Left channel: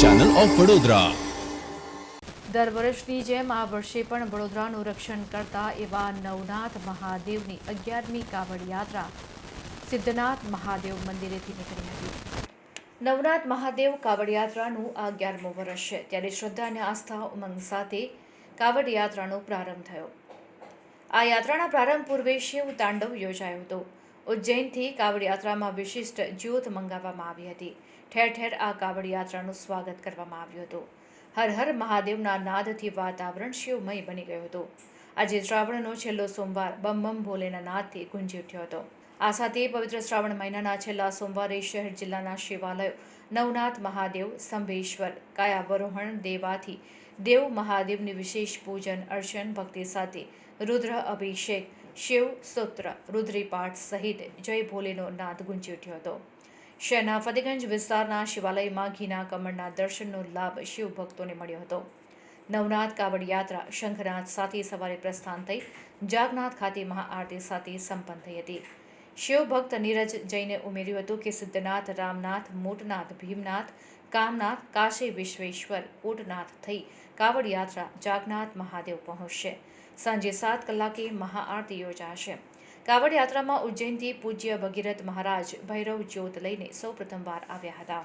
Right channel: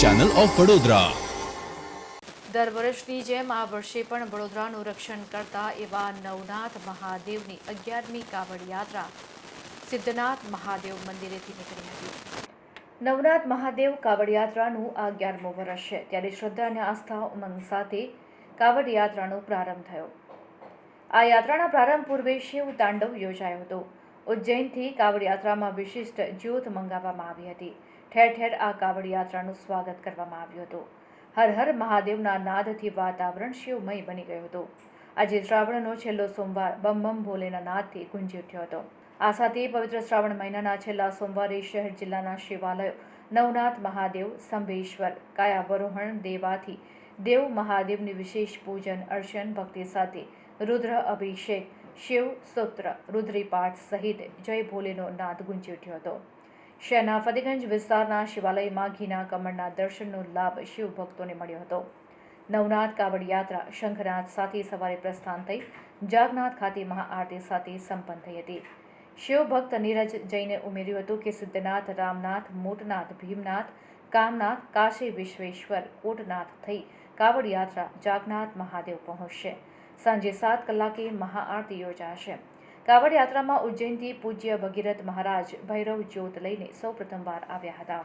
Channel of Vadodara દર વર્ષની જેમ આ વર્ષે પણ વડોદરાનું રક્ષણ કરતા એવા નવનાથ મહાદેવની અગિયારમી કાવડ યાત્રા સિદ્ધનાથ મહાદેવ મંદિરેથી નીકળી હતી. નવનાથ મહાદેવ કાવડ યાત્રાનું આ અગિયારમો વર્ષ છે. ત્યારે શ્રદ્ધા અને આસ્થા ઉમંગ સાથે કાવડ યાત્રાનો પ્રારંભ થયો. આ યાત્રાના પ્રારંભ પૂર્વે શિવ તાંડવ યોજાયો હતો. ઉજ્જૈનથી કાવડ યાત્રામાં વિશિષ્ટ જ્યોત મંગાવવામાં આવી હતી. ઠેર ઠેર આ કાવડ યાત્રાનું સ્વાગત કરવામાં આવ્યું હતું. હર હર મહાદેવના નાદથી વાતાવરણ શિવમય બની ગયું હતું. આજે શ્રાવણનો છેલ્લો સોમવાર બમ બમ ભોલેના નાદથી ગુંજી ઉઠ્યો હતો. આ સાથે પવિત્ર શ્રાવણ મહિનાના છેલ્લા સોમવારે શહેર જિલ્લાના શિવાલયો, નવનાથ મહાદેવ સ્તંભેશ્વર કાયાવરોહણ દેવાથી દેવ મહાદેવની વિશેષ પૂજન, અર્ચન, ભક્તિ સાથે રુદ્ર અભિષેક શિવ, સૂત્ર, રુદ્રીપાઠ સહિત જય ભોલેનો નાદ ગુંજી ઉઠ્યો હતો. શહેરના ફતેગંજ વિસ્તારના શિવાલયમાં ઘીના કમળના દર્શનનો લાભ શિવ ભક્તોને મળ્યો હતો. નવનાથ કાવડ યાત્રા શંખનાથ સાથે સવારે પ્રસ્થાન થઈ, જાગનાથ ખાતે મહાઆરતી સાથે સંપન્ન થઈ હતી. શિવભક્ત નીરજ જૈને ઉમેર્યું હતું કે સિદ્ધનાથ, રામનાથ, મોટનાથ, ભીમનાથ, કામનાથ, કાશી, વિશ્વેશ્વર, કોટનાથ થઈ કાવડ યાત્રા જાગનાથ મહાદેવ પહોંચશે. સાંજે સાત કલાકે મહાઆરતી યોજાશે. કાવડ યાત્રામાં ઉજ્જૈનથી પૂજ્ય ભગીરથ મહારાજ ભૈરવ જ્યોત લઈને સૌ પ્રથમવાર આવ્યા હતા.